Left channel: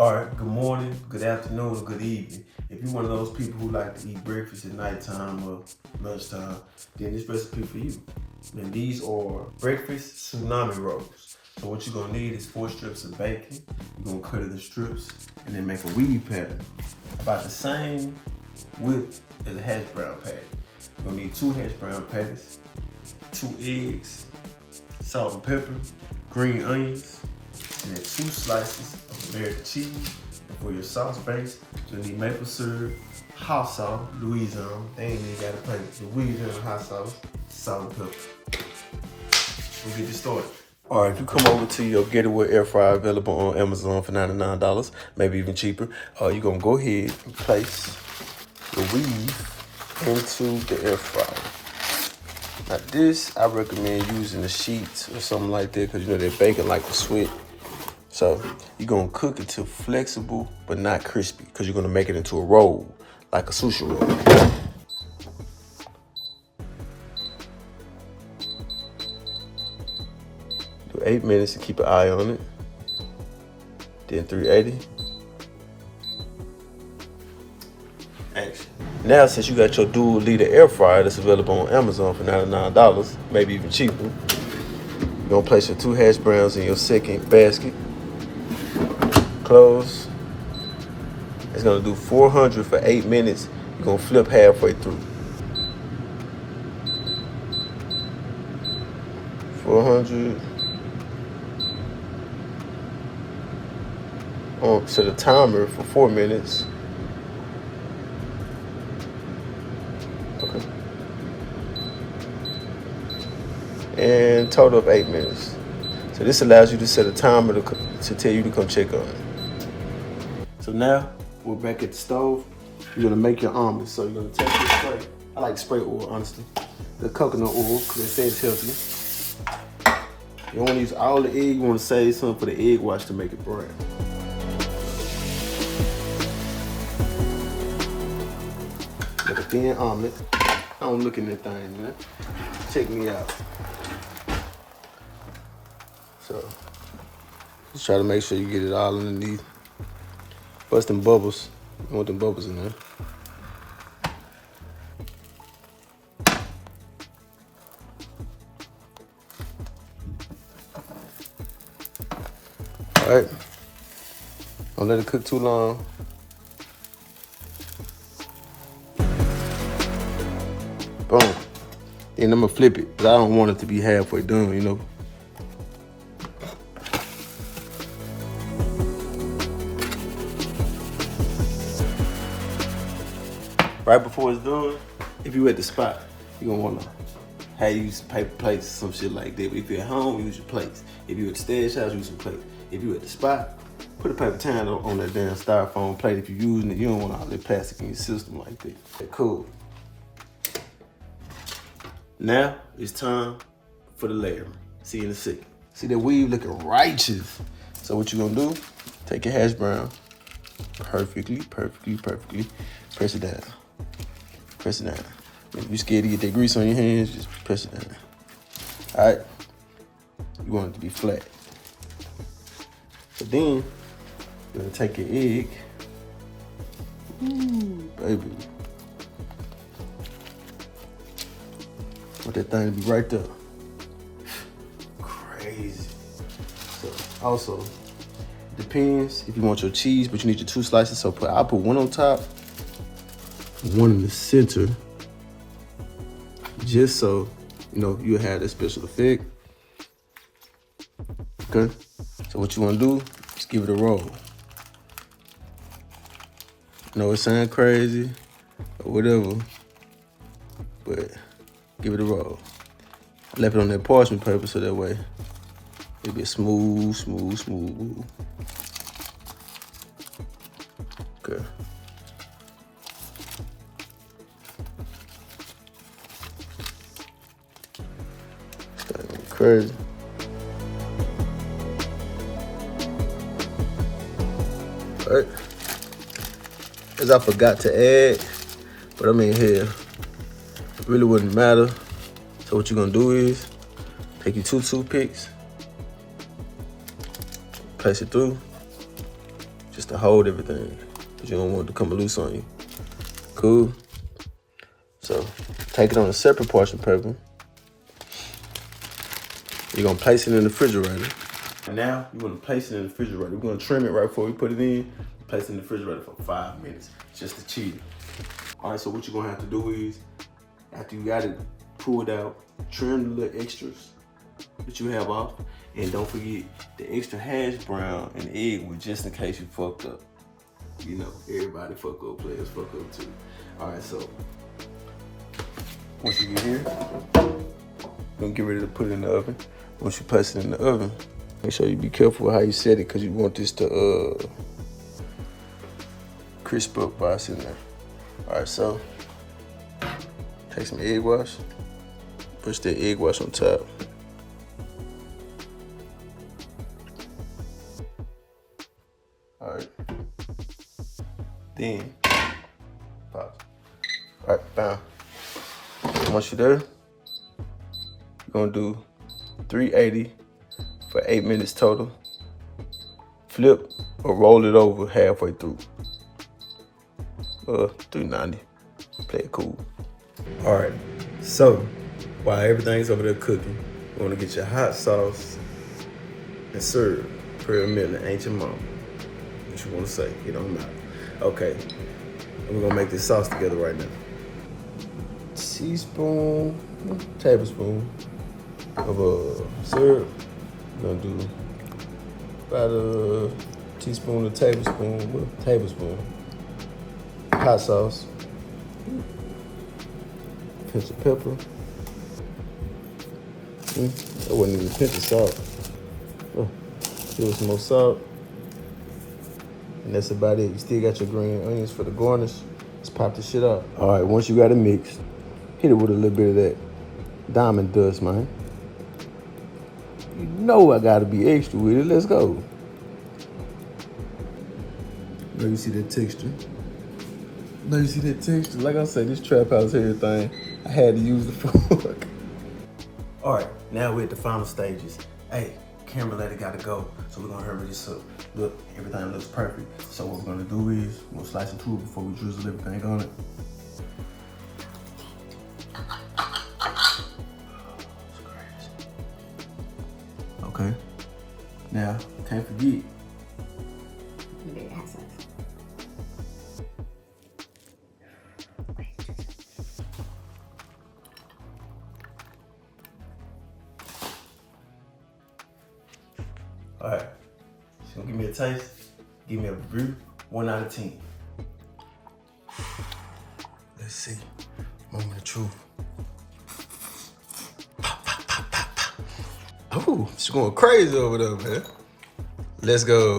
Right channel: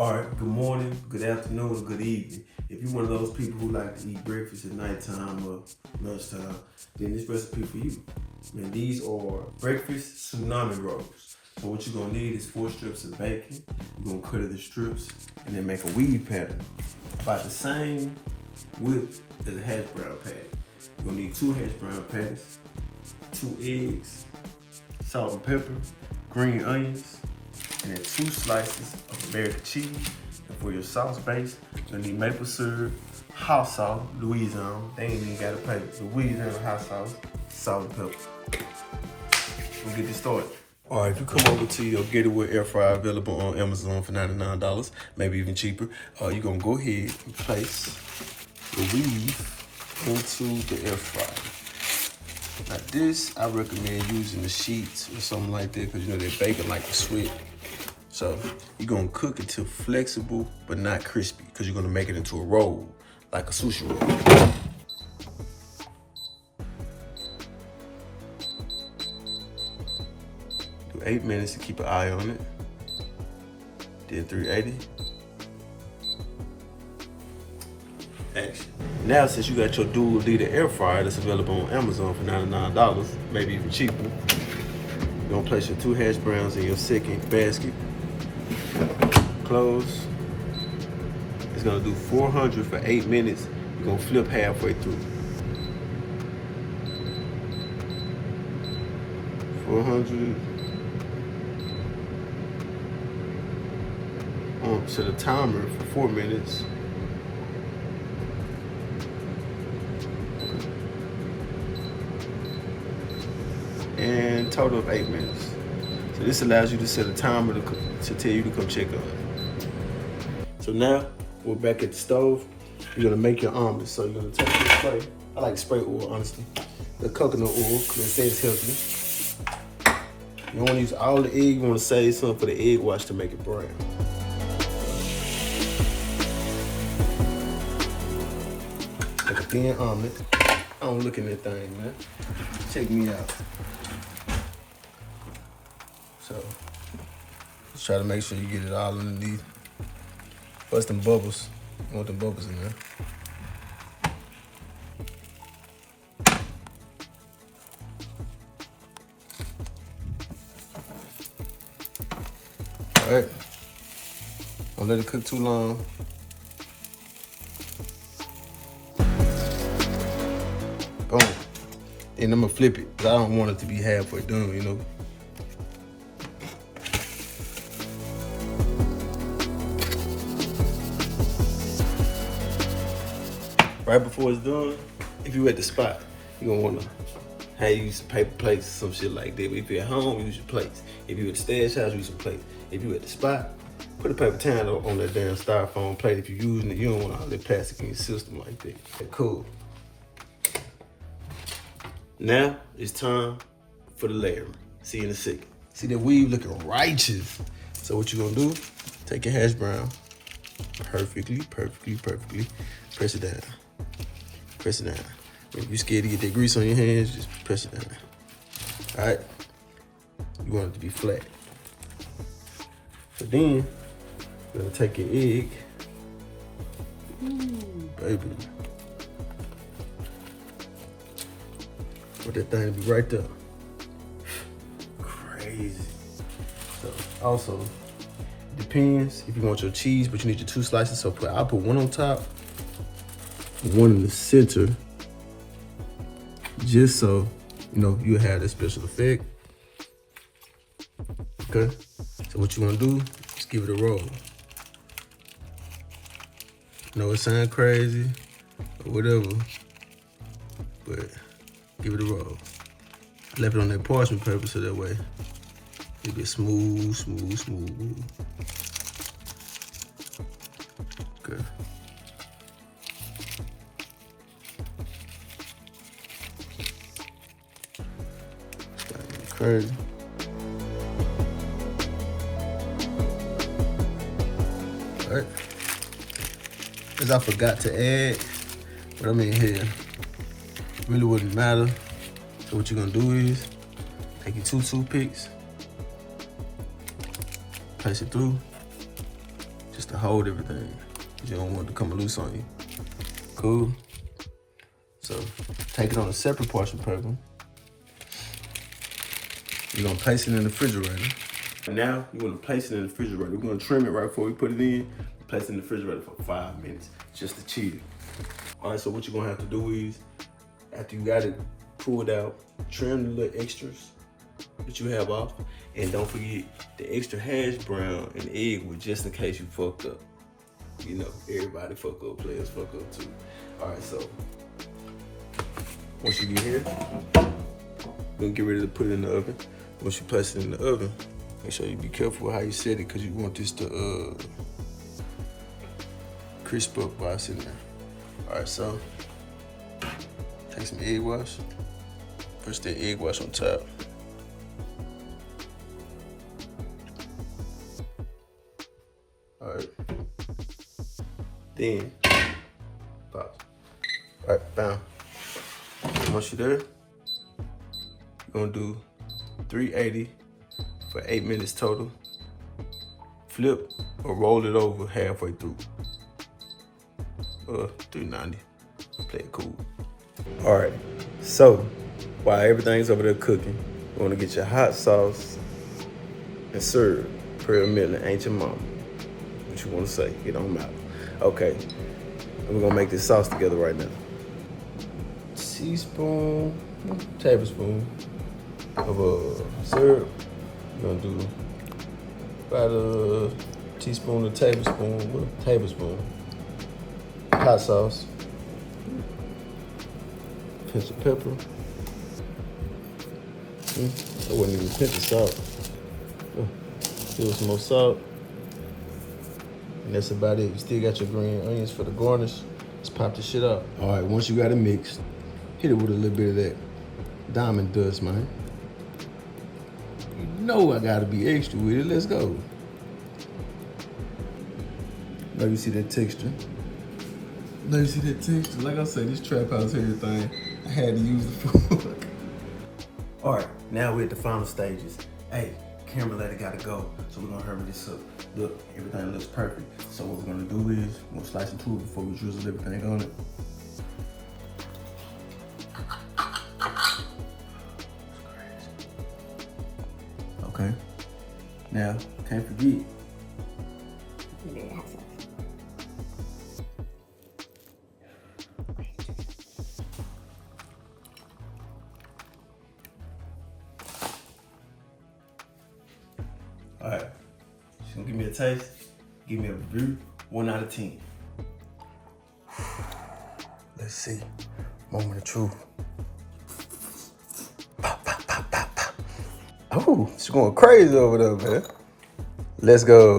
All right, good morning, good afternoon, or good evening. If you're one of those people who like to eat breakfast at nighttime or lunchtime, then this recipe for you. And these are Breakfast Tsunami Rolls. So what you're gonna need is 4 strips of bacon. You're gonna cut it in strips and then make a weave pattern about the same width as a hash brown patty. You're gonna need 2 hash brown patties, 2 eggs, salt and pepper, green onions, and then 2 slices of American cheese. And for your sauce base, you're gonna need maple syrup, hot sauce, Louisiana. They ain't even gotta pay. Louisiana hot sauce, salt and pepper. We'll get you started. All right, if you come over to your GETTYWARE air fryer available on Amazon for $99, maybe even cheaper, you're gonna go ahead and place the weave into the air fryer. Now this, I recommend using the sheets or something like that because you know that bacon like to sweat. So you're gonna cook it till flexible but not crispy because you're gonna make it into a roll, like a sushi roll. Do 8 minutes to keep an eye on it. Then 380. Next. Now since you got your dual liter air fryer that's available on Amazon for $99, maybe even cheaper, you're gonna place your 2 hash browns in your second basket. Close. It's gonna do 400 for 8 minutes. You're gonna flip halfway through. 400. So the timer for 4 minutes. Okay. And total of 8 minutes. So this allows you to set a timer to tell you to come check on it. So now we're back at the stove. You're gonna make your omelet. So you're gonna take this spray. I like spray oil, honestly. The coconut oil, because it says healthy. You don't wanna use all the egg, you wanna save some for the egg wash to make it brown. Like a thin omelet. I don't look in that thing, you know? Check me out. So, just try to make sure you get it all underneath. Bust them bubbles. You want them bubbles in there. All right. Don't let it cook too long. Boom. Then I'm gonna flip it, but I don't want it to be halfway done, you know. Right before it's done, if you're at the spot, you're gonna wanna use paper plates or some shit like that. But if you're at home, use your plates. If you're at the stash house, use your plates. If you're at the spot, put a paper towel on that damn styrofoam plate. If you're using it, you don't want all that plastic in your system like that. Okay, cool. Now it's time for the layering. See you in a second. See that weave looking righteous. So what you gonna do? Take your hash brown, perfectly. Press it down. Press it down. If you're scared to get that grease on your hands, just press it down. All right? You want it to be flat. So then, you're gonna take your egg. Ooh, baby. Want that thing to be right there. Crazy. So, also, depends if you want your cheese, but you need your 2 slices. So I'll put 1 on top, 1 in the center, just so you know you'll have that special effect. Okay. So what you want to do is give it a roll. I know it sounds crazy or whatever, but give it a roll. Left it on that parchment paper so that way it'll be smooth. Okay. crazy. All right. As I forgot to add, but I mean here, really wouldn't matter. So what you're gonna do is take your 2 toothpicks, place it through, just to hold everything, because you don't want it to come loose on you. Cool. So take it on a separate parchment paper. You're gonna place it in the refrigerator. And now you're gonna place it in the refrigerator. We're gonna trim it right before we put it in. Place it in the refrigerator for 5 minutes, just to chill. All right, so what you're gonna have to do is, after you got it pulled out, trim the little extras that you have off, and don't forget the extra hash brown and egg, just in case you fucked up. You know, everybody fuck up, players fuck up too. All right, so once you get here, you're gonna get ready to put it in the oven. Once you place it in the oven, make sure you be careful how you set it, because you want this to crisp up by sitting there. All right, so take some egg wash, push that egg wash on top. All right, then pop. All right, bam. Once you're there, you're gonna do 380 for 8 minutes total. Flip or roll it over halfway through. 390. Play it cool. All right, so while everything's over there cooking, you wanna get your hot sauce and serve per minute. Ain't your mama. What you wanna say, it don't matter. Okay, and we're gonna make this sauce together right now. Teaspoon, tablespoon of syrup. We're gonna do about a teaspoon to tablespoon. Hot sauce, pinch of pepper. I wouldn't even pinch of salt. Give it some more salt. And that's about it. You still got your green onions for the garnish. Let's pop this shit up. All right, once you got it mixed, hit it with a little bit of that diamond dust, man. You know I gotta be extra with it. Let's go. Now you see that texture. Like I said, this trap house everything, I had to use the fork. All right, now we're at the final stages. Hey, camera ladder gotta go, so we're gonna hurry this up. Look, everything looks perfect. So what we're gonna do is, we're gonna slice it through before we drizzle everything on it. Okay, now, can't forget. All right, she's gonna give me a taste, give me a review, 1 out of 10. Let's see, moment of truth. Pop, pop, pop, pop, pop. Oh, she's going crazy over there, man. Let's go.